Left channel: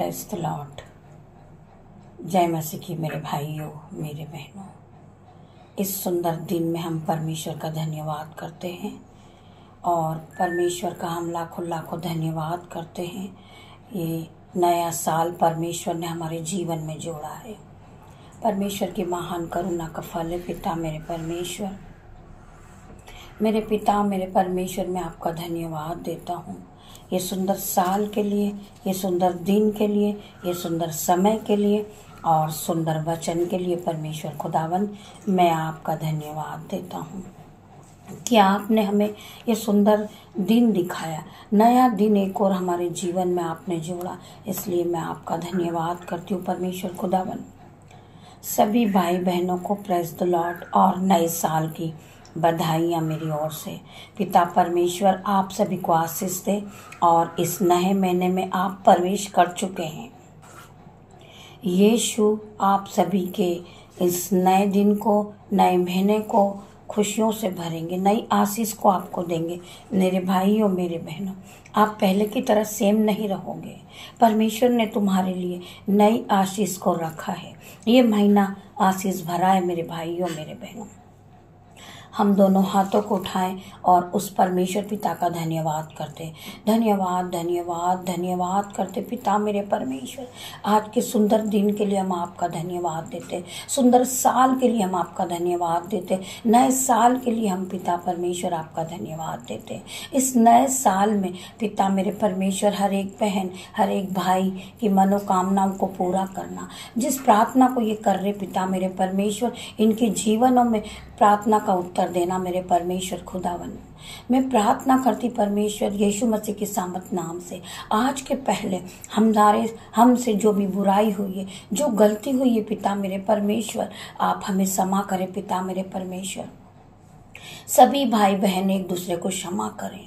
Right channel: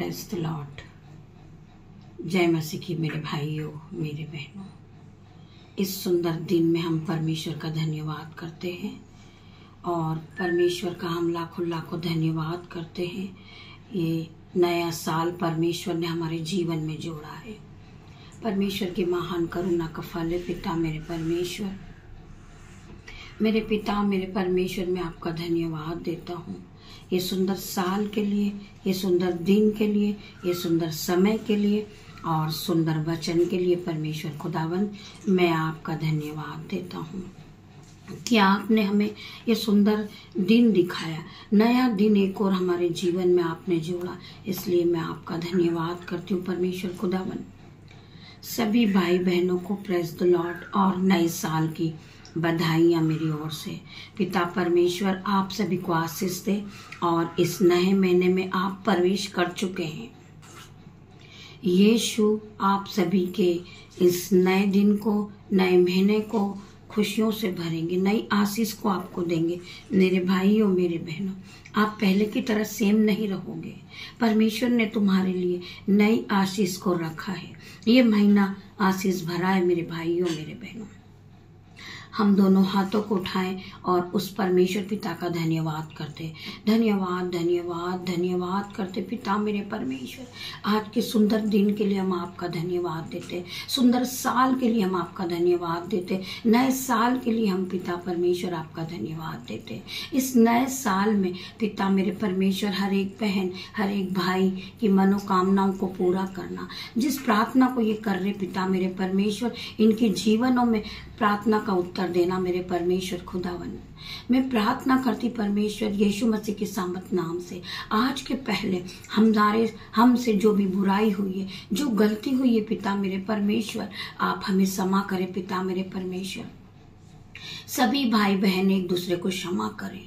Praise the Lord. जय मसीह की मेरे भाइयों, मेरे बहनों। इस सुंदर दिन में हम परमेश्वर का धन्यवाद करते हैं और परमेश्वर का हम लाखों लाखों धन्यवाद करते हैं। ये नया साल परमेश्वर ने हमारे जीवन में जोड़ा है। परमेश्वर की महान करुणा का फल है। पिता मेरे परमेश्वर, मेरे पिता मेरे परमेश्वर, मैं आपका धन्यवाद देता हूँ ये सुंदर साल के लिए, ये सुंदर दिन के लिए, ये सुंदर समय के लिए और सुंदर वचन के लिए। परमेश्वर खुदावन, मैं आपका धन्यवाद देता हूँ कि आपने हमें ये सुंदर दिन दिखाया, नया दिन एक और हमारे जीवन में आपने जोड़ा। इसलिए मैं आपका धन्यवाद करती हूँ परमेश्वर खुदावन। सभी भाई बहनों को प्रेज द लॉर्ड और नए साल की बधाइयाँ मेरी ओर से। पिता परमेश्वर आप सभी को आशीष दे और इस नए महीने में आप प्रवेश कर चुके हैं। यीशु आप सभी के इस नए दिन को, नए महीने को खुशियों से भरेंगे, नई आशीष को आपको देंगे। मेरे भाइयों, मेरे बहनों, आप पहले की तरह सेम नहीं रहोगे। परमेश्वर ने तुम्हारे लिए नई आशीष को रखा है। ये महीना आशीष भरा है मेरे भाइयों, मेरे बहनों। हम दोनों हाथों को उठाएं और उस परमेश्वर पिता का धन्यवाद करते। धन्यवाद धन्यवाद धन्यवाद करते पिता मेरे परमेश्वर। आज के सुंदर दिन के लिए हम आपका धन्यवाद देते, सुंदर साल के लिए हम आपका धन्यवाद देते, नए साल के लिए हम पिता परमेश्वर आपका धन्यवाद देते। इस नए साल में पिता मेरे परमेश्वर हर एक बहन, हर एक भाई की मनोकामनाओं को पूरा करना। जिस प्रार्थना को ये कर रहे पिता मेरे परमेश्वर, इनके जीवनों में प्रार्थना का उत्तर देना मेरे परमेश्वर खुदावन। मैं प्रार्थना करती परमेश्वर यीशु मसीह के सामर्थ नाम से, आज के पहले हमसे जो भी बुराई हुई है, जो गलती हुई है पिता मेरे परमेश्वर, आप हमें क्षमा करें पिता मेरे परमेश्वर। सभी भाई बहन एक दूसरे को क्षमा करें।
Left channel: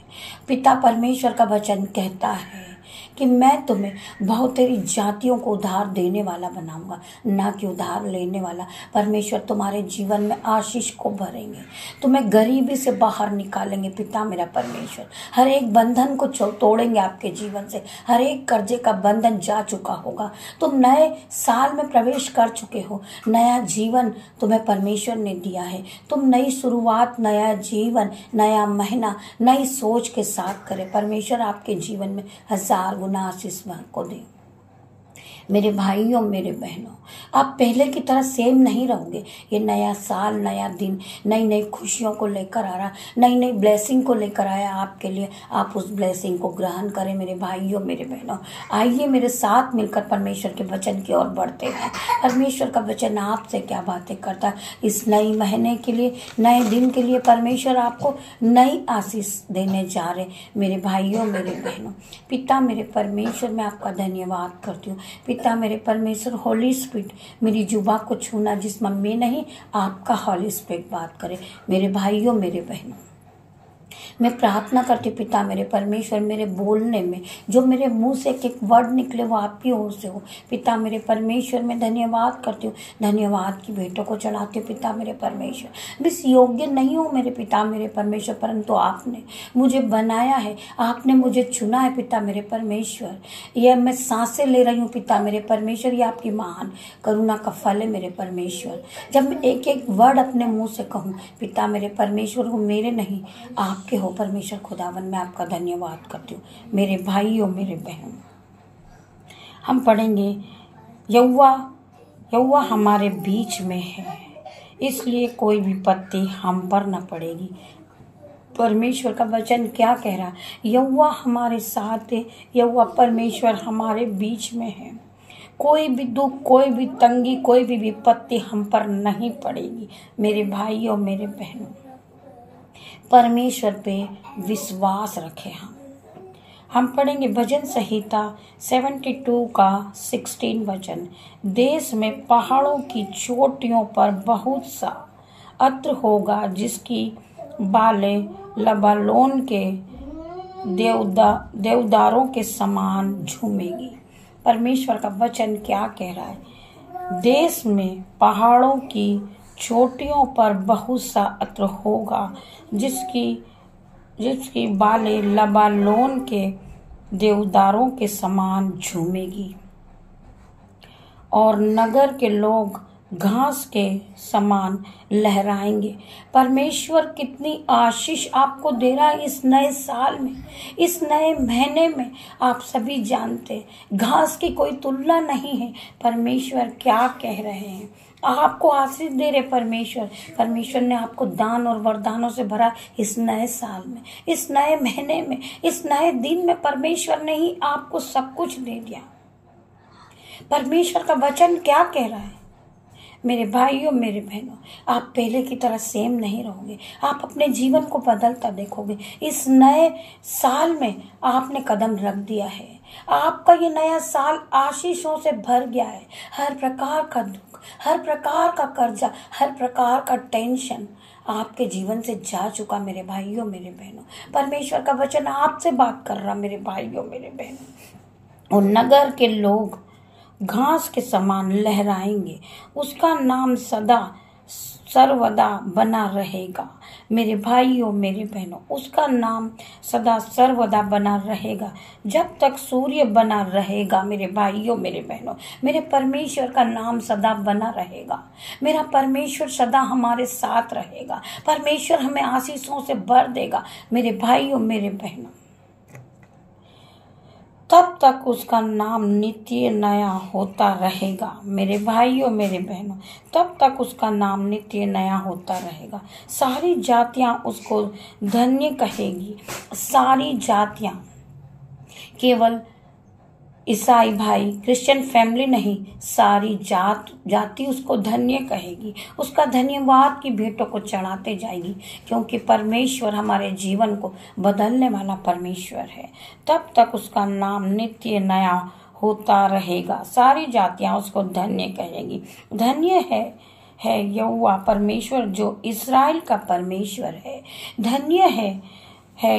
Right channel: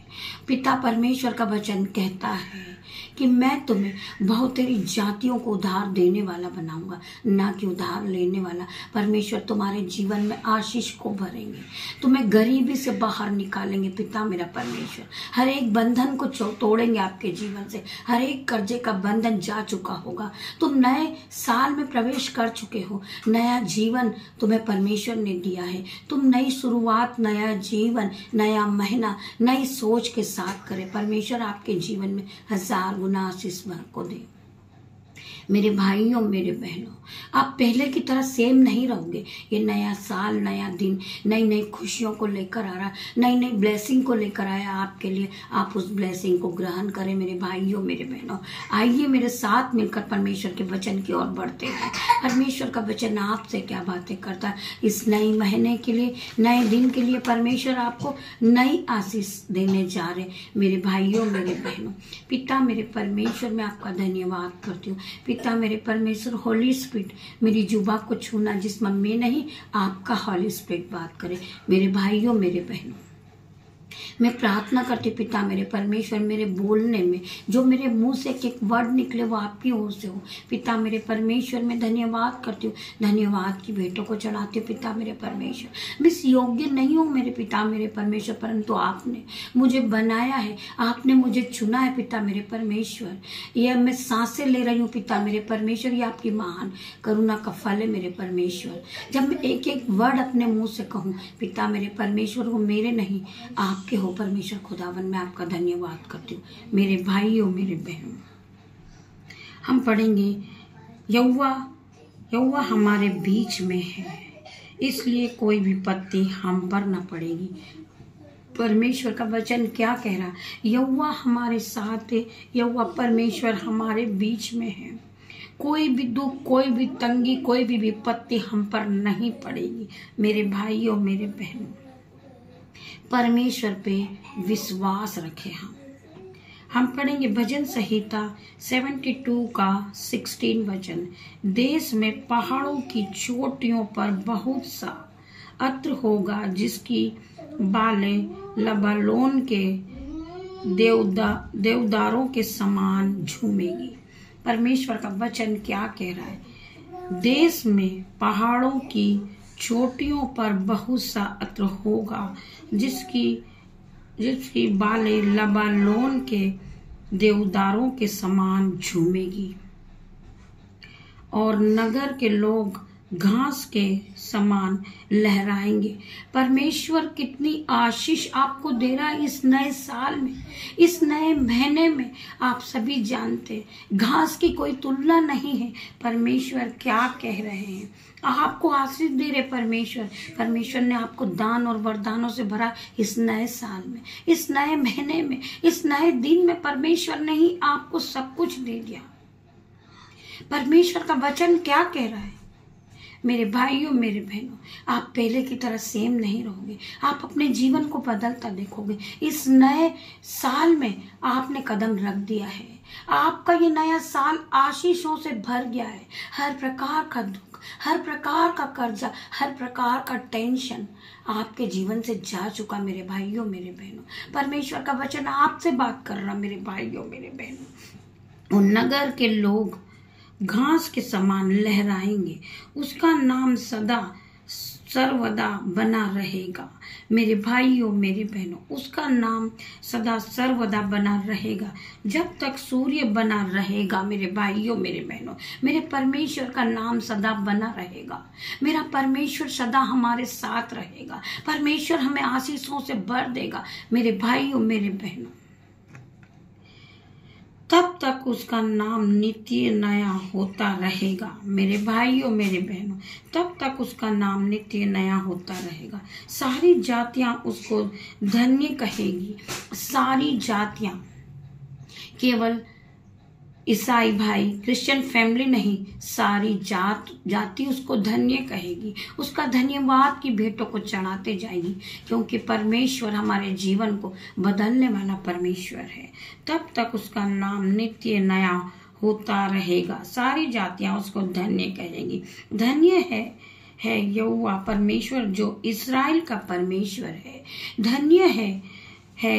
पिता परमेश्वर का वचन कहता है कि मैं तुम्हें बहुतेरी जातियों को उधार देने वाला बनाऊंगा, ना कि उधार लेने वाला। परमेश्वर तुम्हारे जीवन में आशीष को भरेंगे, तुम्हें गरीबी से बाहर निकालेंगे पिता मेरा परमेश्वर। हर एक बंधन को तोड़ेंगे आपके जीवन से, हर एक कर्जे का बंधन जा चुका होगा। तुम नए साल में प्रवेश कर चुके हो, नया जीवन तुम्हें परमेश्वर ने दिया है। तुम नई शुरुआत, नया जीवन, नया महीना नई सोच के साथ करें। परमेश्वर आपके जीवन में 1000 गुना आशीष को दे। मेरे भाइयों, मेरे बहनों, आप पहले की तरह सेम नहीं रहोगे। ये नया साल, नया दिन नई नई खुशियों को लेकर आ रहा, नई नई ब्लेसिंग को लेकर आया आपके लिए। आप उस ब्लेसिंग को ग्रहण करें मेरे भाइयों, मेरे बहनों। आइए मेरे साथ मिलकर परमेश्वर के वचन की ओर बढ़ते हैं। परमेश्वर का वचन आपसे क्या बातें करता है। इस नई महीने के लिए, नए दिन के लिए परमेश्वर आपको नई आशीष देने जा रहे मेरे भाइयों, मेरे बहनों। पिता मेरे परमेश्वर, मैं आपका धन्यवाद करती हूँ। पिता मेरे परमेश्वर, होली स्पिरिट मेरी जुबा को छूना, जिसमें मैं नहीं आपका होली स्पिरिट बात करे। मेरे भाइयों, मेरे बहनों, मैं प्रार्थना करती पिता मेरे परमेश्वर, मेरे बोलने में जो मेरे मुंह से एक एक वर्ड निकले वो आपकी ओर से हो। पिता मेरे परमेश्वर, मैं धन्यवाद करती हूँ, धन्यवाद की भेंटों को चढ़ाती हूँ पिता मेरे परमेश्वर। मैं इस योग्य नहीं हूँ मेरे पिता मेरे परमेश्वर, परंतु आपने मुझे बनाया है, आपने मुझे चुना है पिता मेरे परमेश्वर। यह मैं सांसें ले रही हूँ पिता मेरे परमेश्वर, ये आपकी महान करुणा का फल है मेरे परमेश्वर। जब मैं एक एक वर्ड अपने मुंह से कहूँ पिता मेरे परमेश्वर, वो मेरे नहीं आपके हो परमेश्वर खुदावन। मैं आपका धन्यवाद करती हूँ मेरे भाइयों, मेरे बहनों। हम पढ़ेंगे यहोवा हमारे बीच में है, इसलिए कोई विपत्ति हम पर न पड़ेगी। परमेश्वर का वचन क्या कह रहा है? यहोवा हमारे साथ है, यहोवा परमेश्वर हमारे बीच में है। कोई भी दुख, कोई भी तंगी, कोई भी विपत्ति हम पर नहीं पड़ेगी मेरे भाइयों, मेरे बहनों। परमेश्वर पे विश्वास रखें। हम पढ़ेंगे भजन संहिता 72 का 16 वचन। देश में पहाड़ों की चोटियों पर बहुत सा अत्र होगा, जिसकी बालें लबालोन के देवदारों के समान झूमेगी। परमेश्वर का वचन क्या कह रहा है? देश में पहाड़ों की चोटियों पर बहुत सा अत्र होगा, जिसकी बालें लबालोन के देवदारों के समान झूमेगी। और नगर के लोग घास के समान लहराएंगे। परमेश्वर कितनी आशीष आपको दे रहा है इस नए साल में, इस नए महीने में। आप सभी जानते हैं घास की कोई तुलना नहीं है। परमेश्वर क्या कह रहे हैं, आपको आशीष दे रहे परमेश्वर। परमेश्वर ने आपको दान और वरदानों से भरा इस नए साल में, इस नए महीने में, इस नए दिन में। परमेश्वर ने ही आपको सब कुछ दे दिया। परमेश्वर का वचन क्या कह रहा है, मेरे भाइयों मेरे बहनों, आप पहले की तरह सेम नहीं रहोगे। आप अपने जीवन को बदलता देखोगे। इस नए साल में आपने कदम रख दिया है। आपका ये नया साल आशीषों से भर गया है। हर प्रकार का दुख, हर प्रकार का कर्जा, हर प्रकार का टेंशन आपके जीवन से जा चुका मेरे भाइयों मेरे बहनों। परमेश्वर का वचन आपसे बात कर रहा मेरे भाइयों मेरे बहनों। और नगर के लोग घास के समान लहराएंगे, उसका नाम सदा सर्वदा बना रहेगा। मेरे भाइयों मेरे बहनों, उसका नाम सदा सर्वदा बना रहेगा जब तक सूर्य बना रहेगा। मेरे भाइयों मेरे बहनों, मेरे परमेश्वर का नाम सदा बना रहेगा। मेरा परमेश्वर सदा हमारे साथ रहेगा। परमेश्वर हमें आशीषों से भर देगा मेरे भाइयों मेरे बहनों। तब तक उसका नाम नित्य नया होता रहेगा। मेरे भाइयों मेरे बहनों, तब तक उसका नाम नित्य नया होता रहेगा। सारी जातियां उसको धन्य कहेगी। सारी जातियां, केवल ईसाई भाई क्रिश्चियन फैमिली नहीं, सारी जाति उसको धन्य कहेगी। उसका धन्यवाद की भेंटों को चढ़ाते जाएगी, क्योंकि परमेश्वर हमारे जीवन को बदलने वाला परमेश्वर है। तब तक उसका नाम नित्य नया होता रहेगा। सारी जातियां उसको धन्य कहेगी। धन्य है यहोवा परमेश्वर जो इस्राएल का परमेश्वर है। धन्य है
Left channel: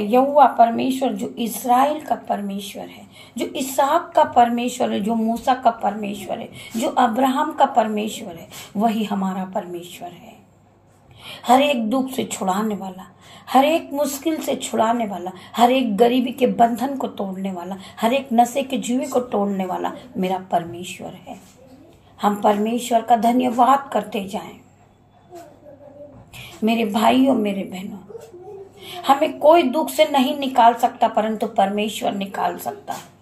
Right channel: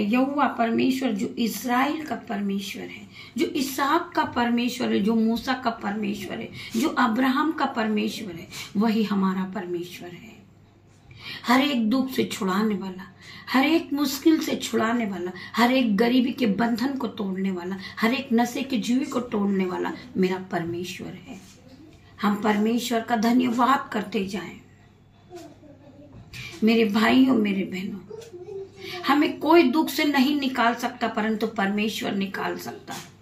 यहोवा परमेश्वर जो इस्राएल का परमेश्वर है, जो इसहाक का परमेश्वर है, जो मूसा का परमेश्वर है, जो अब्राहम का परमेश्वर है। वही हमारा परमेश्वर है। हर एक दुख से छुड़ाने वाला, हर एक मुश्किल से छुड़ाने वाला, हर एक गरीबी के बंधन को तोड़ने वाला, हर एक नशे के जुए को तोड़ने वाला मेरा परमेश्वर है। हम परमेश्वर का धन्यवाद करते जाएं। मेरे भाइयों मेरे बहनों, हमें कोई दुख से नहीं निकाल सकता, परंतु परमेश्वर निकाल सकता है।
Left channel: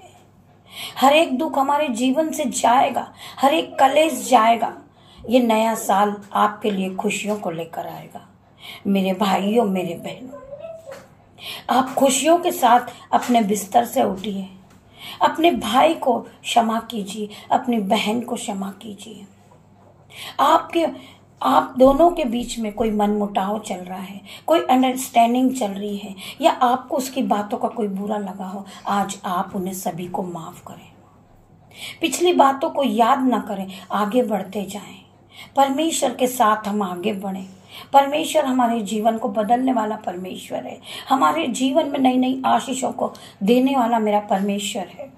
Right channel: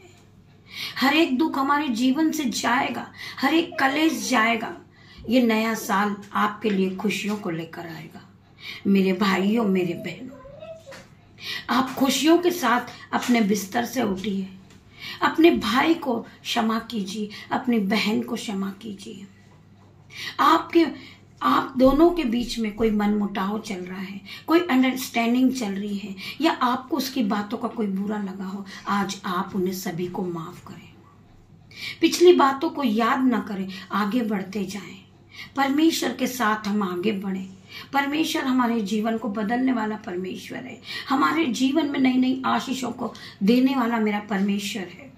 हर एक दुख हमारे जीवन से जाएगा, हर एक कलेश जाएगा। ये नया साल आपके लिए खुशियों को लेकर आएगा। मेरे भाइयों मेरे बहनों, आप खुशियों के साथ अपने बिस्तर से उठिए। अपने भाई को क्षमा कीजिए, अपनी बहन को क्षमा कीजिए। आप दोनों के बीच में कोई मनमुटाव चल रहा है, कोई अंडरस्टैंडिंग चल रही है, या आपको उसकी बातों का कोई बुरा लगा हो, आज आप उन्हें सभी को माफ करें। पिछली बातों को याद ना करें, आगे बढ़ते जाएं। परमेश्वर के साथ हम आगे बढ़ें। परमेश्वर हमारे जीवन को बदलने वाला परमेश्वर है। हमारे जीवन में नई नई आशीषों को देने वाला मेरा परमेश्वर है।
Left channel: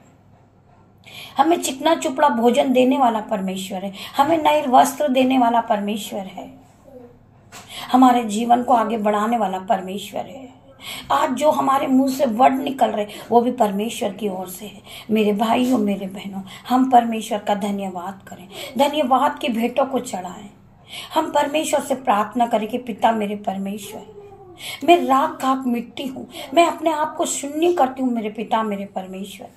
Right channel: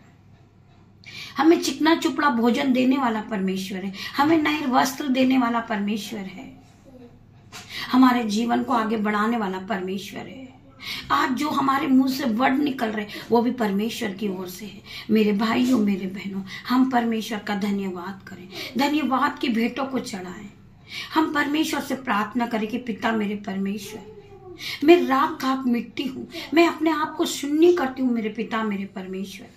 हमें चिकना चुपड़ा भोजन देने वाला परमेश्वर है। हमें नए वस्त्र देने वाला परमेश्वर है। हमारे जीवन को आगे बढ़ाने वाला परमेश्वर है। आज जो हमारे मुंह से वर्ड निकल रहे वो भी परमेश्वर की ओर से है। मेरे भाइयों मेरे बहनों, हम परमेश्वर का धन्यवाद करें, धन्यवाद की भेंटों को चढ़ाएं। हम परमेश्वर से प्रार्थना करें कि पिता मेरे परमेश्वर, मैं राख खाक मिट्टी हूँ, मैं अपने आप को शून्य करती हूँ। मेरे पिता मेरे परमेश्वर,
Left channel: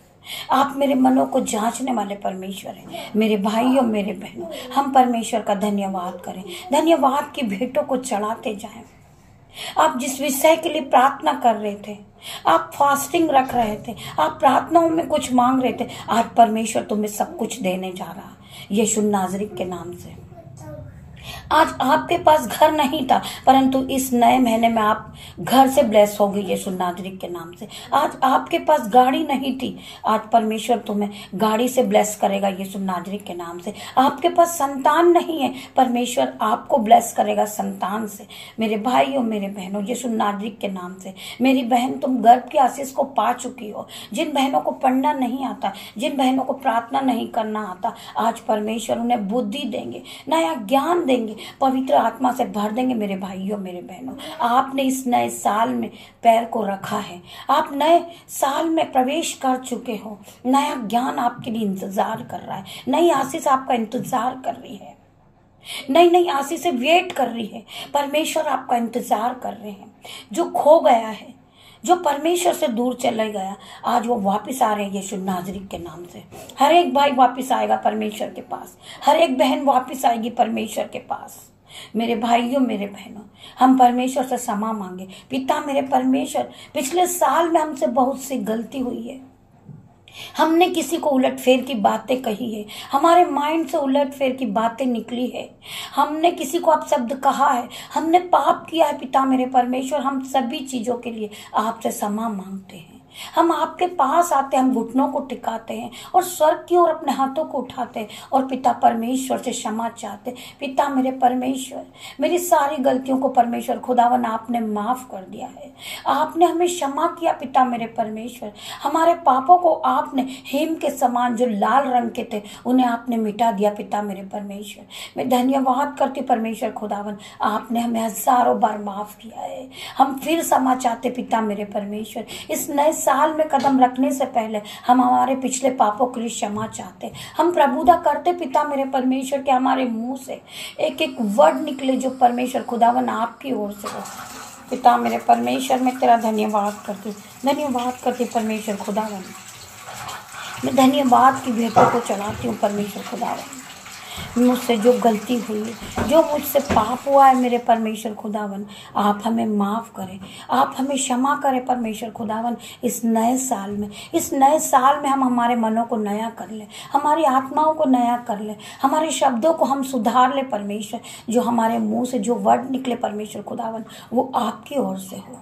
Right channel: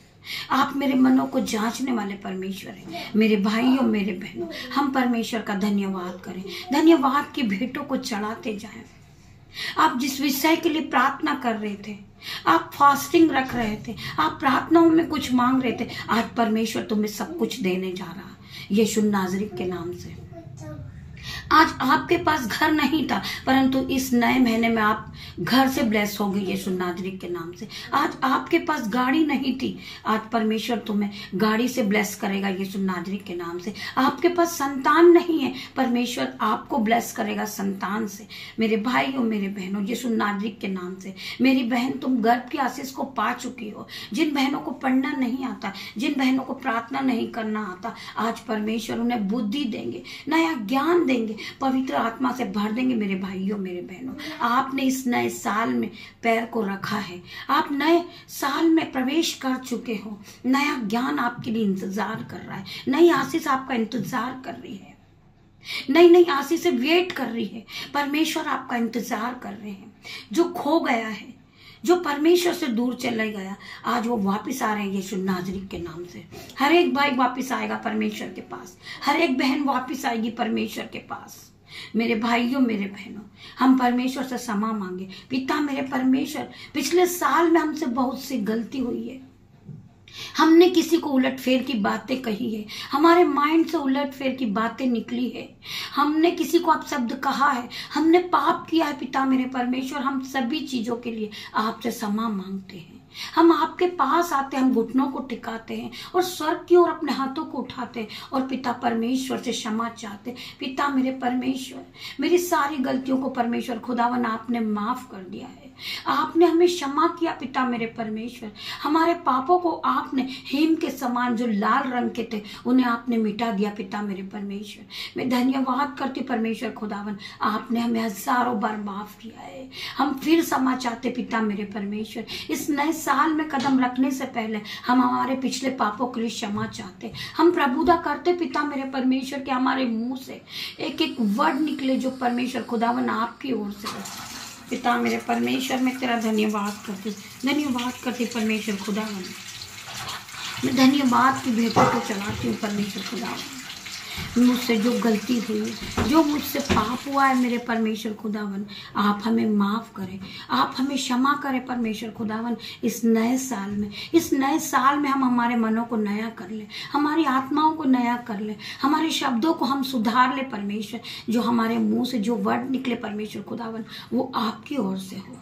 आप मेरे मनों को जांचने वाले परमेश्वर हैं। मेरे भाइयों मेरे बहनों, हम परमेश्वर का धन्यवाद करें, धन्यवाद की भेंटों को चढ़ाते जाएं। आप जिस विषय के लिए प्रार्थना कर रहे थे, आप फास्टिंग रख रहे थे, आप प्रार्थनाओं में कुछ मांग रहे थे, आज परमेश्वर तुम्हें सब कुछ देने जा रहा है यीशु नाज़री के नाम से। आज आपके पास घर नहीं था, परंतु इस नए महीने में आप घर से ब्लेस हो गए यीशु नाज़री के नाम से। आज आपके पास गाड़ी नहीं थी, आज परमेश्वर तुम्हें गाड़ी से ब्लेस करेगा यीशु नाज़री के नाम से। आपके पास संतान नहीं है, परमेश्वर आपको ब्लेस करेगा संतान से। मेरे भाइयों मेरे बहनों, यीशु नाज़री के नाम से। मेरी बहन, तुम गर्भ की आशीष को पा चुकी हो। जिन बहनों को पढ़ना नहीं आता, जिन बहनों को प्रार्थना नहीं करना आता, आज परमेश्वर उन्हें बुद्धि देंगे, नया ज्ञान देंगे, पवित्र आत्मा से भर देंगे मेरे भाइयों मेरे बहनों। आपने इस नए साल में पैर को रखा है, आप नए साल में प्रवेश कर चुके हो। नया ज्ञान आपके लिए इंतजार कर रहा है, नई आशीष आपका इंतजार कर रही है, नई नई आशीष से वेट कर रही है। परमेश्वर आपका इंतजार कर रहे हैं। जो खो गया है, जो परमेश्वर से दूर चले गया, आज वो वापस आ रहे हैं यीशु नाजरी के नाम से। हर एक भाई वापस आएगा परमेश्वर के पास, हर एक बहन वापस आएगी परमेश्वर के पास। मेरे भाइयों मेरे बहनों, हम परमेश्वर से क्षमा मांगे। पिता मेरे परमेश्वर, पिछले साल में हमसे बहुत सी गलती हुई है, हमने किसी को उलटफेर की बातें कही है, हमारे माइंड से उलटफेर की बातें निकली है, हमने किसी को अपशब्द कहा है, हमने पाप किया है। पिता मेरे परमेश्वर, हम सभी चीजों के लिए आपसे क्षमा मांगते हैं। हम आपके पास आते हैं, हम घुटनों को टिकाते हैं और स्वर्ग की ओर अपने हाथों को उठाते हैं और पिता परमेश्वर से क्षमा चाहते हैं। पिता मेरे परमेश्वर, मेरी सारी गलतियों को परमेश्वर खुदावन आपने माफ कर दिया है, आपने हमें क्षमा किया। पिता मेरे परमेश्वर, हमारे पापों को आपने हिम के समान जो लाल रंग के थे उन्हें आपने मिटा दिया। पिता मेरे परमेश्वर, मैं धन्यवाद करती परमेश्वर खुदावन, आपने हमें हजारों बार माफ किया है। हम फिर क्षमा चाहते पिता मेरे परमेश्वर। इस नए साल में कदम रखने से पहले हम हमारे पिछले पापों के लिए क्षमा चाहते। हम प्रभुता करते पिता मेरे परमेश्वर के हमारे मुंह से एक एक वर्ड निकले जो परमेश्वर खुदावन आपकी ओर से हो। पिता मेरे परमेश्वर, मैं तेरा धन्यवाद करती परमेश्वर खुदावन। मैं धन्यवाद की भेंटों को चढ़ाती हूँ परमेश्वर खुदावन। मुझसे जो गलती हुई, जो मुझसे पाप हुआ है मेरे परमेश्वर खुदावन, आप हमें माफ करें, आप हमें क्षमा करें परमेश्वर खुदावन। इस नए साल में हम हमारे मनों को नया कर ले, हमारी आत्माओं को नया कर ले, हमारे शब्दों को हम सुधार ले परमेश्वर। जो हमारे मुंह से जो वर्ड निकले परमेश्वर खुदावन, वो आपकी ओर से हो।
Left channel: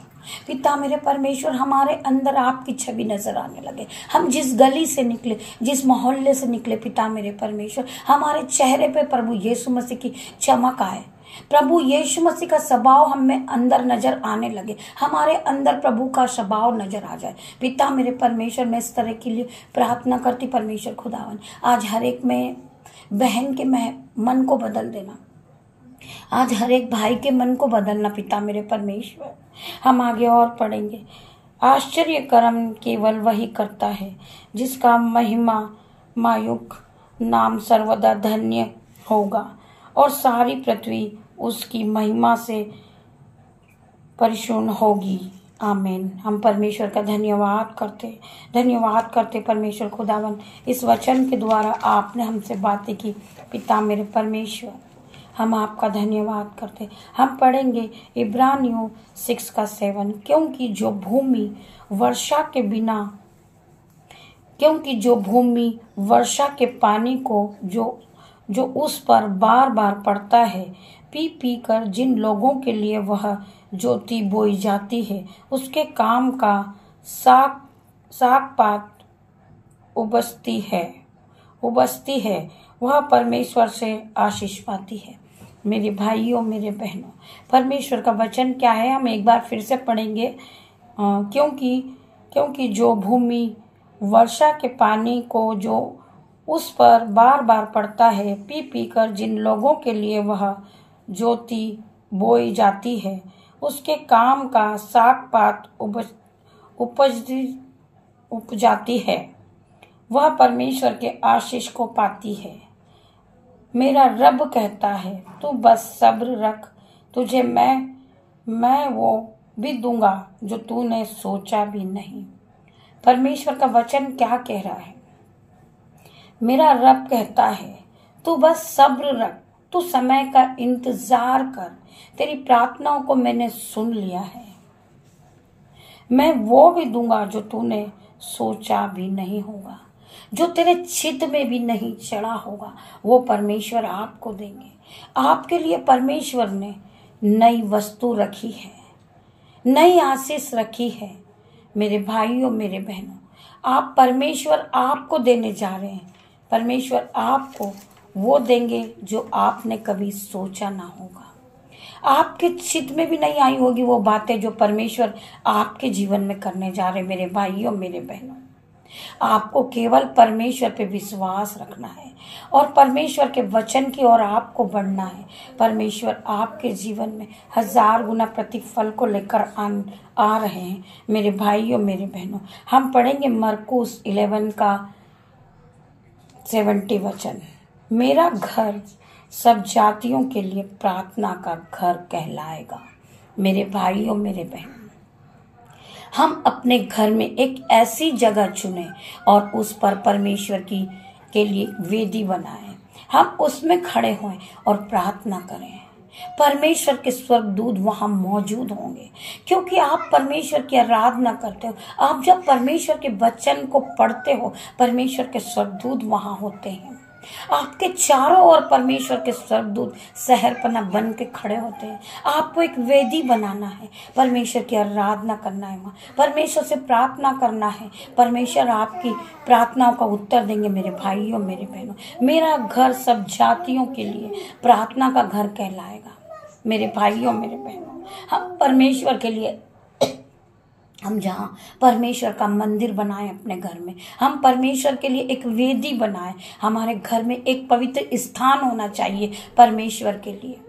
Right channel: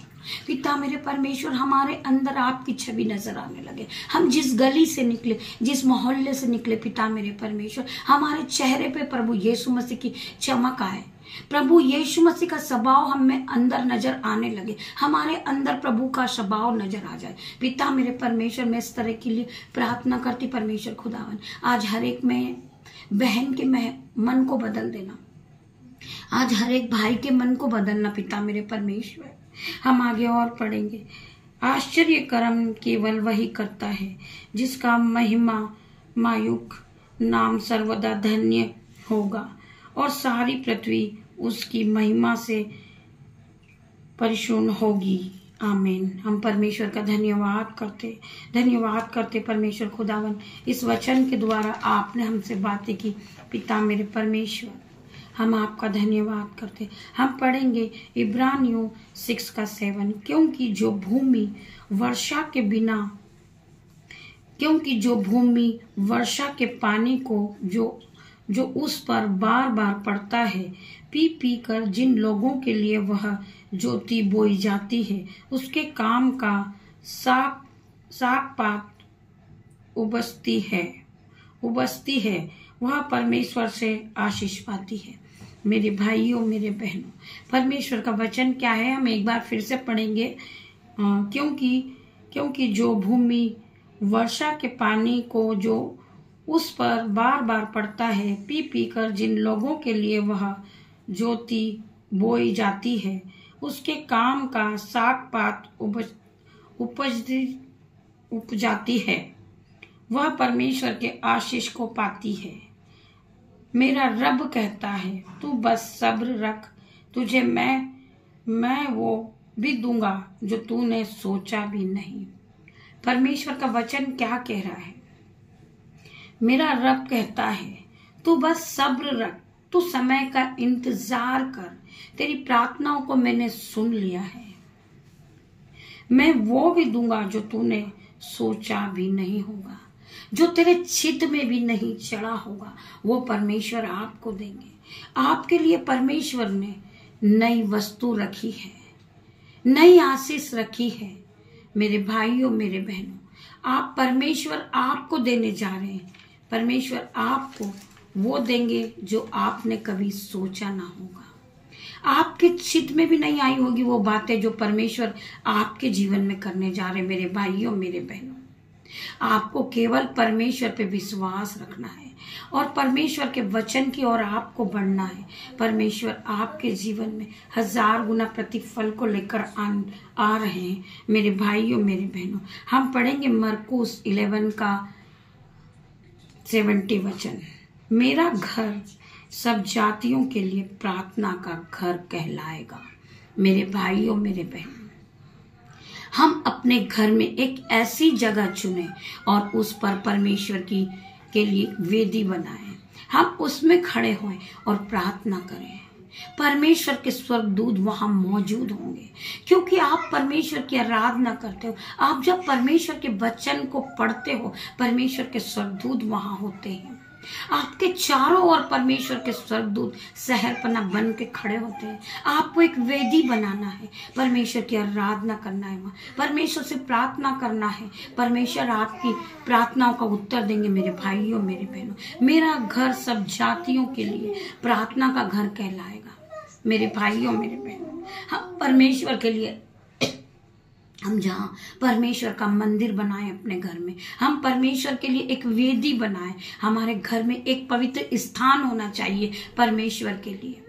पिता मेरे परमेश्वर, हमारे अंदर आपकी छवि नजर आने लगे। हम जिस गली से निकले, जिस मोहल्ले से निकले पिता मेरे परमेश्वर, हमारे चेहरे पे प्रभु यीशु मसीह की चमक आए, प्रभु यीशु मसीह का स्वभाव हमें अंदर नजर आने लगे, हमारे अंदर प्रभु का स्वभाव नजर आ जाए। पिता मेरे परमेश्वर, मैं इस तरह के लिए प्रार्थना करती परमेश्वर खुदावन। आज हर एक में बहन के मन को बदल देना, आज हर एक भाई के मन को बदलना पिता मेरे परमेश्वर। हम आगे और पढ़ेंगे। आश्चर्य कर्म केवल वही करता है जिसका महिमा मायुक नाम सर्वदा धन्य होगा और सारी पृथ्वी उसकी महिमा से परिपूर्ण होगी। आमीन। हम परमेश्वर का धन्यवाद करते परमेश्वर खुदावन। इस वचन के द्वारा आपने हमसे बातें की पिता मेरे परमेश्वर, हम आपका धन्यवाद करते। हम पढ़ेंगे इब्रानियों 6:7। क्योंकि जो भूमि वर्षा के पानी को जो उस पर बार बार पड़ता है, पी कर जिन लोगों के लिए वह ज्योति बोई जाती है, उसके काम का साग पात उबसती है, वह परमेश्वर से आशीष पाती है। मेरे भाइयों मेरे बहनों, परमेश्वर का वचन क्या है, हम एक बार फिर से पढ़ेंगे। क्योंकि जो भूमि वर्षा के पानी को जो उस पर बार बार पड़ता है, पी कर जिन लोगों के लिए वह ज्योति बोई जाती है, उसके काम का साग पात उप जाती है, वह परमेश्वर के आशीष को पाती है। मेरा रब कहता है, तू बस सब्र रख, तुझे मैं वो भी दूंगा जो तूने सोचा भी नहीं। परमेश्वर का वचन क्या कह रहा है? मेरा रब कहता है, तू बस सब्र रख, तू समय का इंतजार कर, तेरी प्रार्थनाओं को मैंने सुन लिया है, मैं वो भी दूंगा जो तूने सोचा भी नहीं होगा, जो तेरे चित्त में भी नहीं चढ़ा होगा, वो परमेश्वर आपको देंगे। आपके लिए परमेश्वर ने नई वस्तु रखी है, नई आशीष रखी है। मेरे भाइयों मेरे बहनों, आप परमेश्वर आपको देने जा रहे हैं। परमेश्वर आपको वो देंगे जो आपने कभी सोचा ना होगा, आपके चित्त में भी नहीं आई होगी वो बातें जो परमेश्वर आपके जीवन में करने जा रहे। मेरे भाइयों मेरे बहनों, आपको केवल परमेश्वर पे विश्वास रखना है और परमेश्वर के वचन की ओर आपको बढ़ना है। परमेश्वर आपके जीवन में 1000 गुना प्रतिफल को लेकर आ रहे हैं। मेरे भाइयों मेरे बहनों, हम पढ़ेंगे मरकुस 11 का 70 वचन। मेरा घर सब जातियों के लिए प्रार्थना का घर कहलाएगा। मेरे भाइयों मेरे बहनों, हम अपने घर में एक ऐसी जगह चुने और उस पर परमेश्वर के लिए वेदी बनाएं। हम उसमें खड़े हों और प्रार्थना करें। परमेश्वर के स्वर्गदूत वहां मौजूद होंगे, क्योंकि आप परमेश्वर की आराधना करते हो। आप जब परमेश्वर के वचन को पढ़ते हो, परमेश्वर के स्वर्गदूत वहां होते हैं। आपके चारों ओर परमेश्वर के स्वर्गदूत शहरपना बन के खड़े होते हैं। आपको एक वेदी बनाना है, परमेश्वर की आराधना करना है, परमेश्वर से प्रार्थना करना है। परमेश्वर आपकी प्रार्थनाओं का उत्तर देंगे। मेरे भाइयों मेरे बहनों, मेरा घर सब जातियों के लिए प्रार्थना का घर कहलाएगा। मेरे भाइयों मेरे बहनों, हम परमेश्वर के लिए, हम जहाँ परमेश्वर का मंदिर बनाएं अपने घर में, हम परमेश्वर के लिए एक वेदी बनाएं। हमारे घर में एक पवित्र स्थान होना चाहिए परमेश्वर के लिए।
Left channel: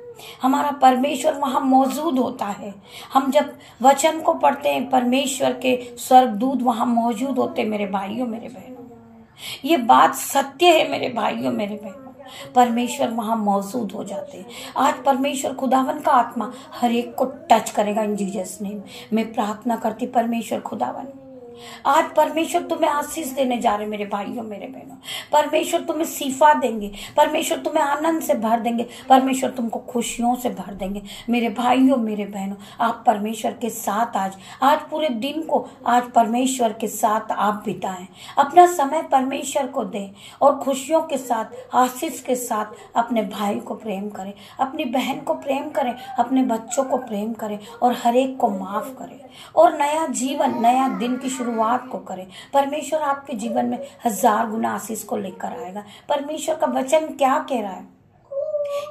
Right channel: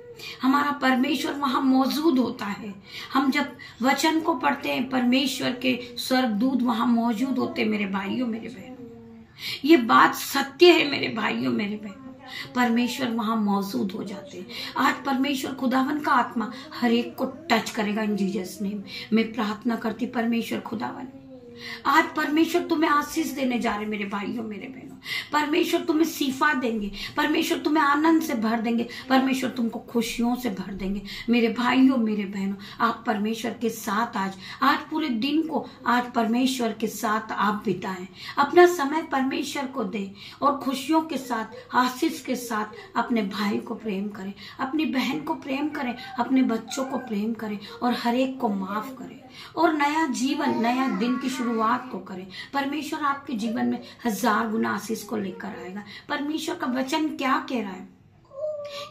हमारा परमेश्वर वहां मौजूद होता है। हम जब वचन को पढ़ते हैं, परमेश्वर के स्वर्गदूत वहां मौजूद होते हैं। मेरे भाइयों मेरे बहनों, ये बात सत्य है। मेरे भाइयों मेरे बहनों, परमेश्वर वहां मौजूद हो जाते हैं। आज परमेश्वर खुदावन का आत्मा हर एक को टच करेगा इन जीसस नेम। मैं प्रार्थना करती, परमेश्वर खुदावन, आज परमेश्वर तुम्हें आशीष देने जा रहे। मेरे भाइयों मेरे बहनों, परमेश्वर तुम्हें सीफा देंगे, परमेश्वर तुम्हें आनंद से भर देंगे, परमेश्वर तुमको खुशियों से भर देंगे। मेरे भाइयों मेरे बहनों, आप परमेश्वर के साथ आज पूरे दिन को आज परमेश्वर के साथ आप बिताएं। अपना समय परमेश्वर को दें और खुशियों के साथ, आशीष के साथ अपने भाई को प्रेम करें, अपनी बहन को प्रेम करें, अपने बच्चों को प्रेम करें और हर एक को माफ करें और नया जीवन, नया दिन की शुरुआत को करें। परमेश्वर आपके जीवन में 1000 गुना आशीष को लेकर आएगा। परमेश्वर का वचन क्या कह रहा है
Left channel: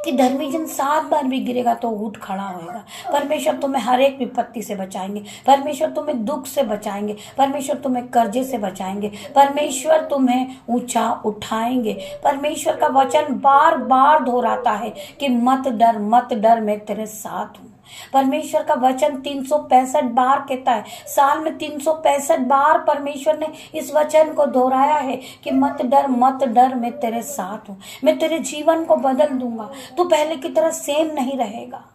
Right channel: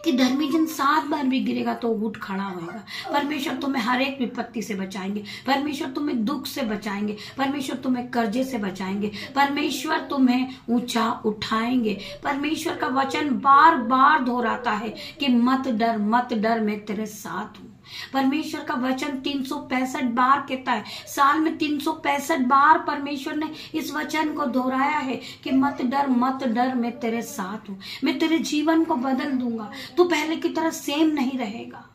कि धर्मी जन 7 बार भी गिरेगा तो उठ खड़ा होएगा। परमेश्वर तुम्हें हर एक विपत्ति से बचाएंगे, परमेश्वर तुम्हें दुख से बचाएंगे, परमेश्वर तुम्हें कर्जे से बचाएंगे, परमेश्वर तुम्हें ऊंचा उठाएंगे। परमेश्वर का वचन बार बार दोहराता है कि मत डर, मैं तेरे साथ हूँ। परमेश्वर का वचन 365 बार कहता है, साल में 365 बार परमेश्वर ने इस वचन को दोहराया है कि मत डर, मैं तेरे साथ हूँ। मैं तेरे जीवन को बदल दूंगा, तू पहले की तरह सेम नहीं रहेगा।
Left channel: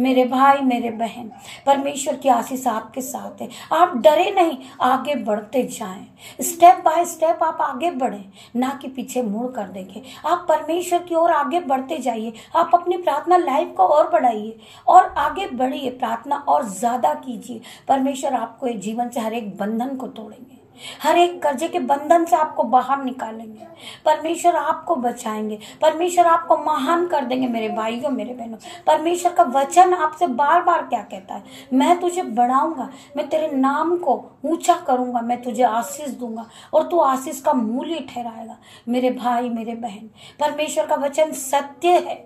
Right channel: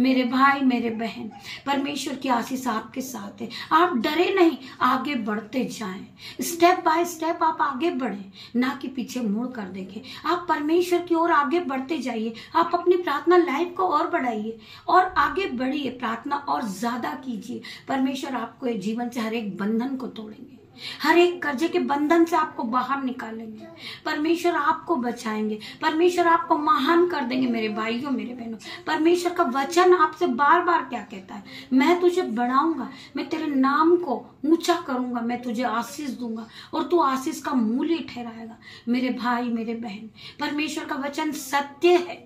मेरे भाई मेरे बहन, परमेश्वर की आशीष आपके साथ है। आप डरे नहीं, आगे बढ़ते जाएं। स्टेप बाय स्टेप आप आगे बढ़ें, ना कि पीछे मुड़ कर देखें। आप परमेश्वर की ओर आगे बढ़ते जाइए। आप अपनी प्रार्थना लाइफ को और बढ़ाइए और आगे बढ़िए, प्रार्थना और ज्यादा कीजिए। परमेश्वर आपको जीवन से हर एक बंधन को तोड़ेंगे, हर एक कर्जे के बंधन से आपको बाहर निकालेंगे। परमेश्वर आपको बचाएंगे, परमेश्वर आपको महान कर देंगे। मेरे भाइयों मेरे बहनों, परमेश्वर का वचन आपसे बार बार क्या कहता है, मैं तुझे बढ़ाऊंगा, मैं तेरे नाम को ऊंचा करूंगा, मैं तुझे आशीष दूंगा और तू आशीष का मूल्य ठहराएगा। मेरे भाई मेरे बहन, परमेश्वर का वचन सत्य है।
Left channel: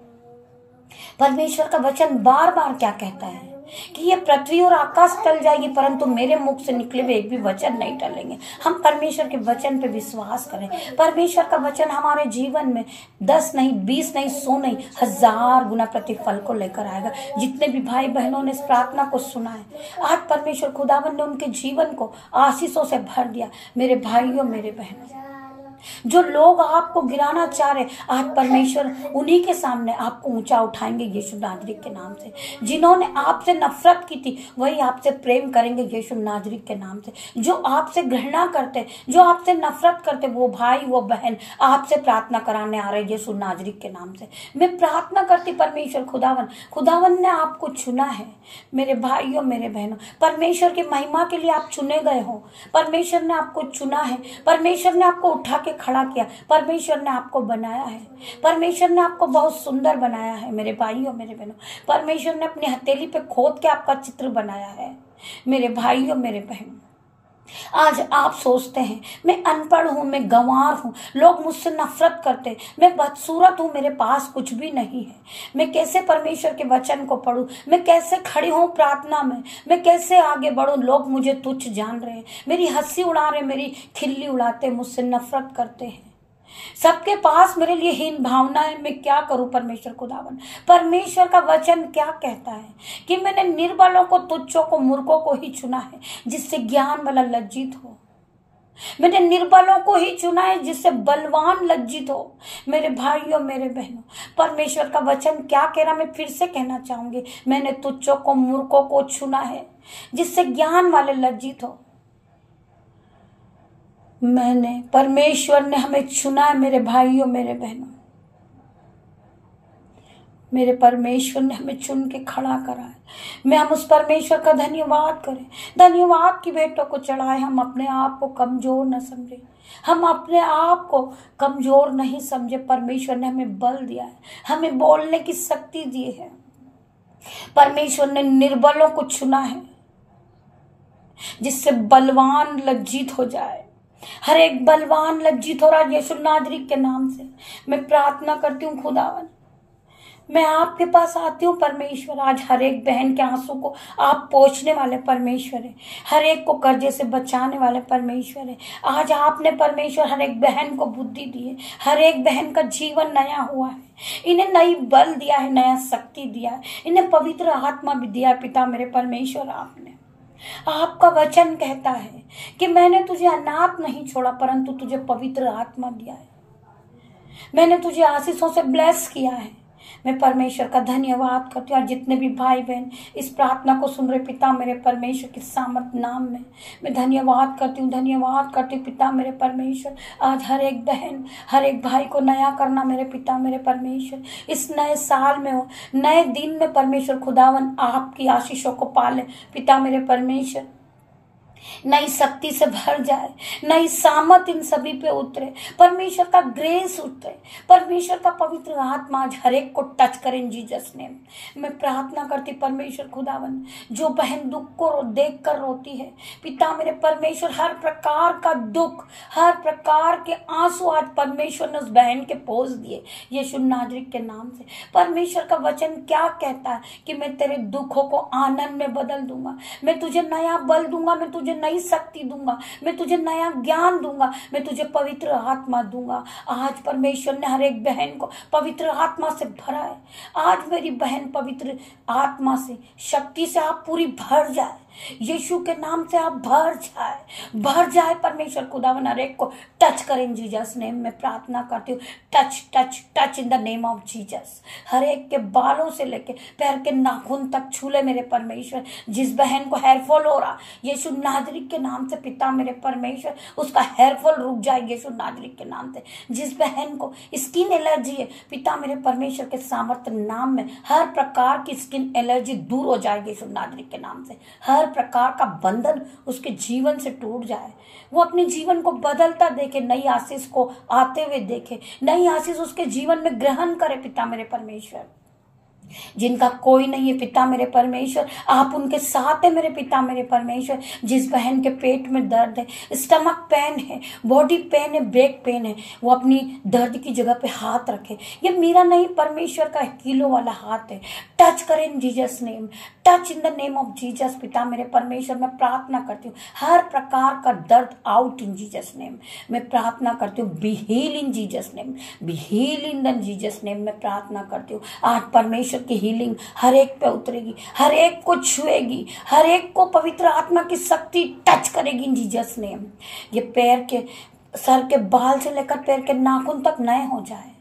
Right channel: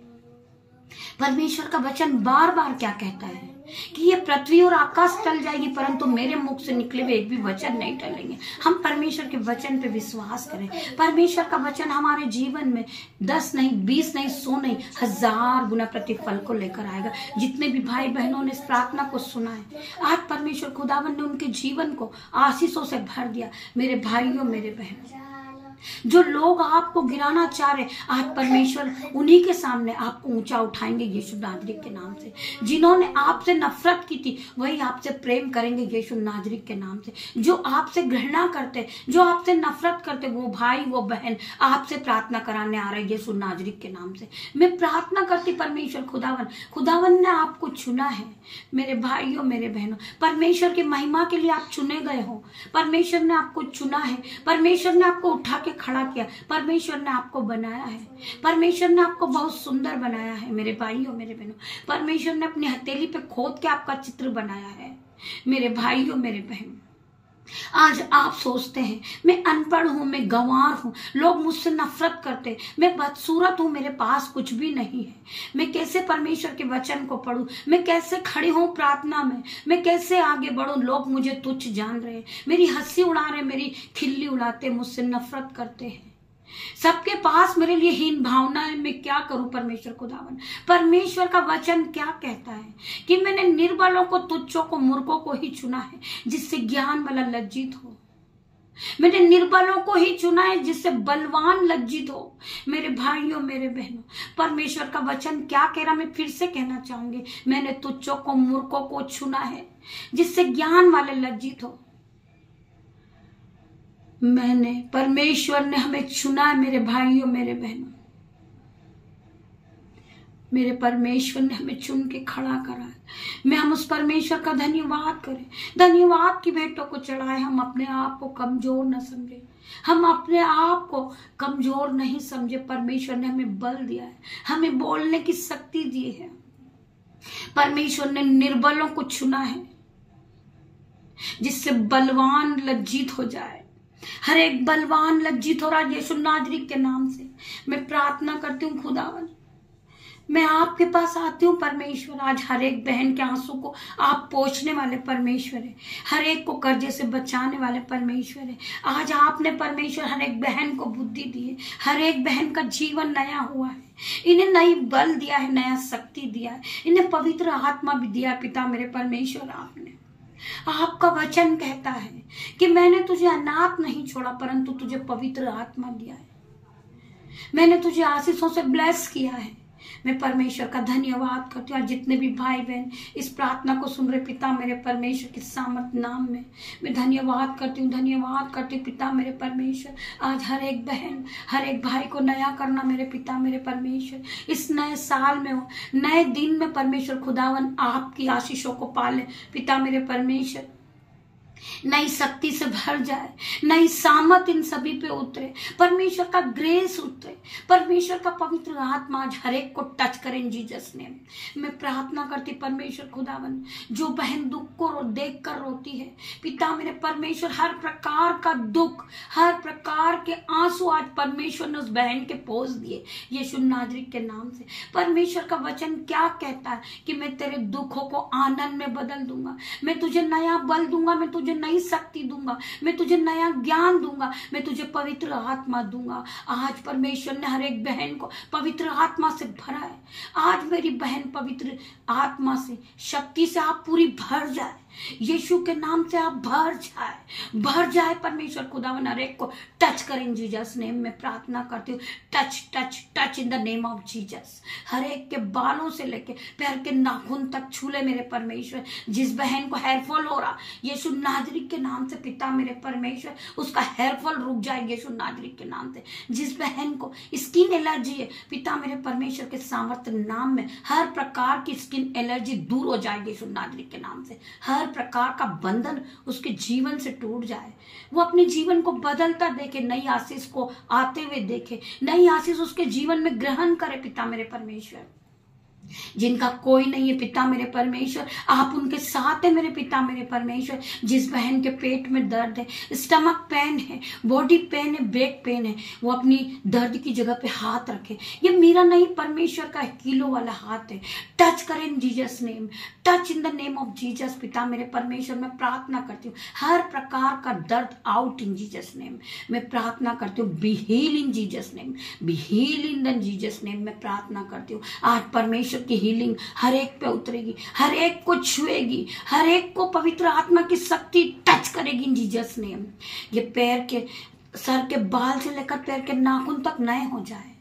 परमेश्वर का वचन बार बार क्या कहता है कि ये पृथ्वी और आकाश टल जाएगी, परंतु मेरे मुख से निकले हुए एक भी वचन नहीं टलेंगे। हम परमेश्वर के वचन पे विश्वास करें। परमेश्वर का वचन हमारे जीवन में 10 नहीं, 20 नहीं, 100 नहीं, 1000 गुना प्रतिफल को लेकर आएगा। जितने भी भाई बहनों ने इस प्रार्थना को सुना है, आज परमेश्वर खुदावन ने उनके जीवन को आशीषों से भर दिया। मेरे भाइयों मेरे बहनों, जो लोग आपको गिराना चाह रहे, आज परमेश्वर उन्हीं के सामने आपको ऊंचा उठाएंगे यीशु नाजरीक के नाम से। जिन्होंने आपसे नफरत की थी, वही आपसे प्रेम करेंगे यीशु नाजरीक के नाम से। जो आपसे घृणा करते, जो आपसे नफरत करते, वो भाई वो बहन आपसे प्रार्थना कराने आ रहे यीशु नाजरीक के नाम से। मैं प्रार्थना करती, परमेश्वर खुदावन ने आपको चुना है। मेरे भाइयों मेरे बहनों, परमेश्वर की महिमा के लिए आप चुने गए हो। परमेश्वर ने आपको चुना है, परमेश्वर ने आपको उठा खड़ा किया, परमेश्वर ने आपको बनाया है, परमेश्वर ने आपको बहुत सुंदर बनाया है। मेरे भाइयों मेरे बहनों, परमेश्वर ने अपनी हथेली पे खोद के आपका चित्र बनाया है। मेरे भाइयों मेरे बहन, आज आप सोचते हैं मैं अनपढ़ हूं, मैं गंवार हूं, लोग मुझसे नफरत करते, मैं बदसूरत हूं, मेरे पास कुछ भी नहीं है, मैं कैसे परमेश्वर के वचन को पढूं, मैं कैसे खड़ी हूं प्रार्थना में, मैं कैसे आगे बढ़ूं, लोग मुझे तुच्छ जान रहे हैं, मेरी हंसी उड़ा रहे, मेरी खिल्ली उड़ाते, मुझसे नफरत करते हैं, सबके पास मेरे लिए हीन भावना है, मैं क्या करूं परमेश्वर खुदावन। परमेश्वर का वचन क्या कहता है कि मैंने निर्बलों को, तुच्छों को, मूर्खों को ही चुना है जिससे ज्ञान वाला लज्जित हो। मैंने निर्बलों को ही चुना है जिससे बलवान लज्जित हो। मेरे भाइयों, मेरे बहनों, परमेश्वर का वचन क्या कह रहा, मैं फिर से कहना चाहूंगी, मैंने तुच्छों को, मूर्खों को चुना है जिससे ज्ञान वाले लज्जित हो। परमेश्वर ने हमें चुना है मेरे भाइयों, मेरे बहनों, मेरे परमेश्वर ने हमें चुन के खड़ा करा है। मैं हम उस परमेश्वर का धन्यवाद करें, धन्यवाद की भेंटों को चढ़ाए। हम अपने आप को कमजोर न समझे, हम अपने आप को कमजोर नहीं समझे। परमेश्वर ने हमें बल दिया है, हमें बोलने की शक्ति दी है। परमेश्वर ने निर्बलों को चुना है जिससे बलवान लज्जित हो जाए। हर एक बलवान लज्जित हो रहा है यीशु नाजरी के नाम से। मैं प्रार्थना करती हूँ खुदावन, मैं आपके पास आती हूँ परमेश्वर। आज हर एक बहन के आंसू को आप पोंछने वाले परमेश्वर है, हर एक को कर्जे से बचाने वाले परमेश्वर है। आज आपने परमेश्वर हर एक बहन को बुद्धि दी है, हर एक बहन का जीवन नया हुआ है, इन्हें नई बल दिया है, नया शक्ति दिया है, इन्हें पवित्र आत्मा भी दिया है। पिता मेरे परमेश्वर, आपका वचन कहता है कि मैंने तुझे अनाथ नहीं छोड़ा परंतु तुझे पवित्र आत्मा दिया है, मैंने तुझे आशीषों से ब्लेस किया है। मैं परमेश्वर का धन्यवाद करती हूँ। जितने भी भाई बहन इस प्रार्थना को सुन रहे, पिता मेरे परमेश्वर के सामर्थ नाम में मैं धन्यवाद करती हूँ, धन्यवाद करती हूँ पिता मेरे परमेश्वर। आज हर एक बहन, हर एक भाई को नया करना मेरे पिता मेरे परमेश्वर। इस नए साल में हो, नए दिन में परमेश्वर खुदावन आपकी आशीषों को पाले पिता मेरे परमेश्वर। नई शक्ति से भर जाए, नई सामत इन सभी पे उतरे, परमेश्वर का ग्रेस उतरे, परमेश्वर का पवित्र आत्मा आज हर एक को टच करे इन जीसस नेम। मैं प्रार्थना करती परमेश्वर खुदावन, जो बहन दुख को देख कर रोती है पिता मेरे परमेश्वर, हर प्रकार का दुख, हर प्रकार के आंसू आज परमेश्वर ने उस बहन के पोंछ दिए यीशु नाजरी के नाम से। परमेश्वर का वचन क्या कहता है कि मैं तेरे दुखों को आनंद में बदल दूंगा, मैं तुझे नया बल दूंगा, मैं तुझे नई शक्ति दूंगा, मैं तुझे नया ज्ञान दूंगा, मैं तुझे पवित्र आत्मा दूंगा। आज परमेश्वर ने हर एक बहन को पवित्र आत्मा से भरा है। आज मेरी बहन पवित्र आत्मा से, शक्ति से आप पूरी भर जाए, यीशु के नाम से आप भर जाए परमेश्वर खुदावन हर एक को टच करें जीसस नेम में प्रार्थना करती हूँ। Touch touch touch in the name of Jesus. हर एक के बालों से लेके पैर के नाखून तक छू ले मेरे परमेश्वर। जिस बहन को हेयरफॉल हो रहा यीशु नाजरी के नाम से पिता मेरे परमेश्वर, उसका हेयरफॉल रुक जाए यीशु नाजरी के नाम से। जिस बहन को स्किन एलर्जी है पिता मेरे परमेश्वर के सामर्थ्य नाम में हर प्रकार की स्किन एलर्जी दूर हो जाए यीशु नाजरी के नाम से। हर प्रकार का बंधन उसके जीवन से टूट जाए, वो अपने जीवन को बदलता देखे, नई आशीष को आते हुए देखे, नई आशीष उसके जीवन में ग्रहण करे पिता मेरे परमेश्वर। जिनका कोई नहीं है पिता मेरे परमेश्वर, आप उनके साथ है मेरे पिता मेरे परमेश्वर। जिस बहन के पेट में दर्द है, स्टमक पेन है, बॉडी पेन है, बैक पेन है, वो अपनी दर्द की जगह पे हाथ रखे। ये मेरा नहीं, परमेश्वर का किलो वाला हाथ है। टच करें इन Jesus name, touch in the name of Jesus पिता मेरे परमेश्वर। मैं प्रार्थना करती हूँ हर प्रकार का दर्द आउट इन जीसस नेम। मैं प्रार्थना करती हूँ be heal in Jesus name, be heal in the Jesus name. मैं प्रार्थना करती हूँ आज परमेश्वर की हीलिंग हर एक पे उतरेगी, हर एक को छुएगी, हर एक को पवित्र आत्मा की शक्ति टच करेगी इन जीसस नेम। ये पैर के, सर के बाल से लेकर पैर के नाखून तक नए हो जाए,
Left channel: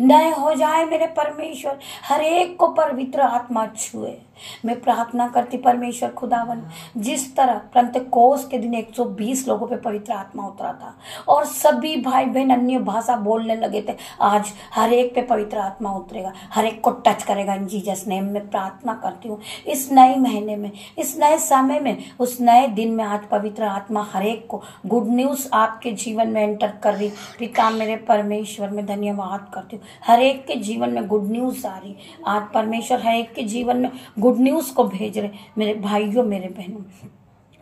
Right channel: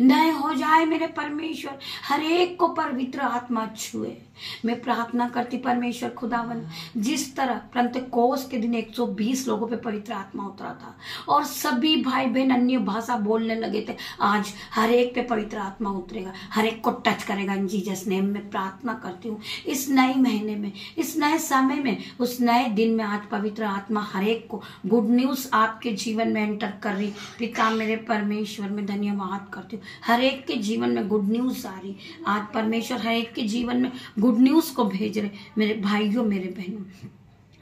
नए हो जाए मेरे परमेश्वर। हर एक को पवित्र आत्मा छुए। मैं प्रार्थना करती परमेश्वर खुदावन, जिस तरह पेंतेकोस्त के दिन 120 लोगों पे पवित्र आत्मा उतरा था और सभी भाई बहन अन्य भाषा बोलने लगे थे, आज हर एक पे पवित्र आत्मा उतरेगा, हर एक को टच करेगा इन जीसस नेम। में प्रार्थना करती हूँ इस नए महीने में, इस नए समय में, उस नए दिन में आज पवित्र आत्मा हर एक को गुड न्यूज आपके जीवन में एंटर कर रही पिता मेरे परमेश्वर। में धन्यवाद करती हूँ, हर एक के जीवन में गुड न्यूज आ रही आज परमेश्वर, हर एक के जीवन में गुड न्यूज को भेज रहे मेरे भाइयों मेरे बहनों।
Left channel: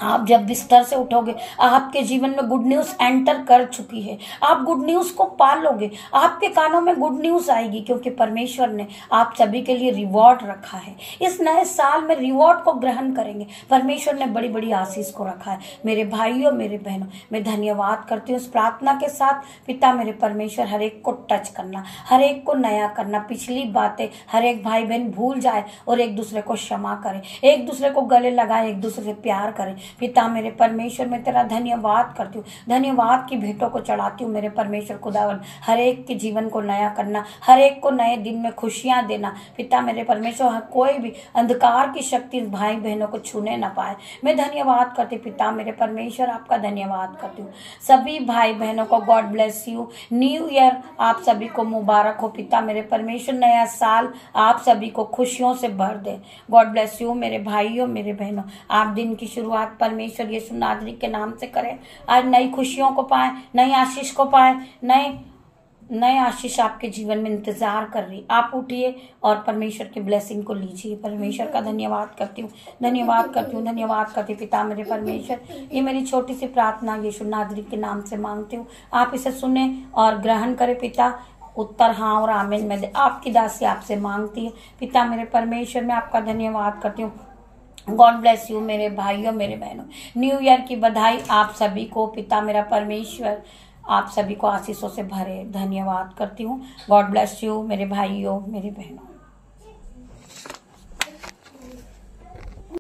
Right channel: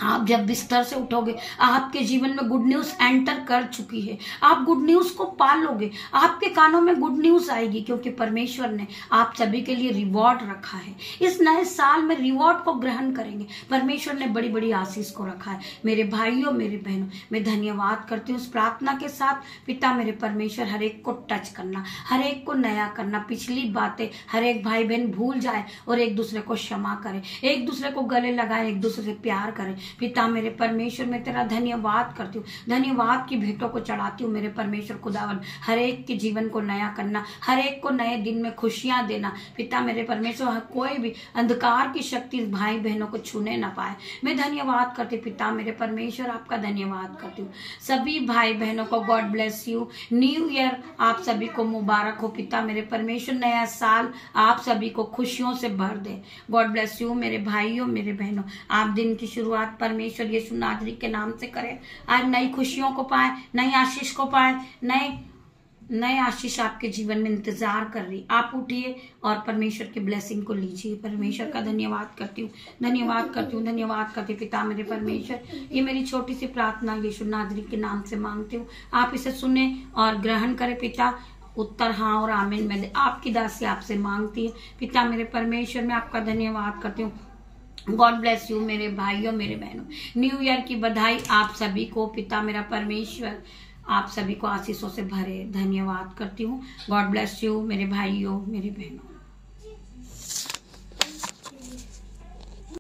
आप जब बिस्तर से उठोगे, आपके जीवन में गुड न्यूज एंटर कर चुकी है। आप गुड न्यूज को पालोगे, आपके कानों में गुड न्यूज आएगी, क्योंकि परमेश्वर ने आप सभी के लिए रिवॉर्ड रखा है। इस नए साल में रिवॉर्ड को ग्रहण करेंगे। परमेश्वर ने बड़ी बड़ी आशीष को रखा है। मेरे भाइयों, मेरे बहनों, मैं धन्यवाद करती हूँ इस प्रार्थना के साथ। पिता मेरे परमेश्वर, हर एक को टच करना, हर एक को नया करना, पिछली बातें हर एक भाई बहन भूल जाए और एक दूसरे को क्षमा करे, एक दूसरे को गले लगाए, एक दूसरे से प्यार करें। पिता मेरे परमेश्वर, मैं तेरा धन्यवाद करती हूँ, धन्यवाद की भेंटों को चढ़ाती हूँ। मेरे परमेश्वर खुदावन, हर एक के जीवन को नया करना, हर एक को नए दिन में खुशियां देना। पिता मेरे परमेश्वर, कोई भी अंधकार की शक्ति भाई बहनों को छूने ना पाए। मैं धन्यवाद करती पिता मेरे परमेश्वर, आपका धन्यवाद करती हूँ। सभी भाई बहनों को God bless you. New year आप सभी को मुबारक हो। पिता मेरे परमेश्वर, नया साल आप सभी को खुशियों से भर दे। गॉड ब्लेस यू मेरे भाइयों, मेरे बहनों। आप दिन की शुरुआत परमेश्वर यीशु नासरी के नाम से करें। आज नई खुशियों को पाए, नई आशीष को पाए, नए आशीष आपके जीवन में इंतजार कर रही। आप उठिए और परमेश्वर की ब्लेसिंग को लीजिए। परमेश्वर का धन्यवाद करती हूँ, धन्यवाद करती हूँ, धन्यवाद करती हूँ। पिता मेरे परमेश्वर, ये मेरी छोटी सी प्रार्थना यीशु नासरी के नाम से मांगती हूँ। आप इसे सुने और ग्रहण करें। पिता, उत्तर हाँ और आमीन मैं आपकी दासी आपसे मांगती हूँ। पिता मेरे परमेश्वर, मैं आपका धन्यवाद करती हूँ। गॉड ब्लेस यू मेरे भाइयों, मेरे बहनों। न्यू ईयर की बधाई आप सभी को। पिता मेरा परमेश्वर आप सभी को आशीषों से भरे। धन्यवाद करती हूँ। गॉड ब्लेस यू मेरे भाइयों, मेरे बहनों।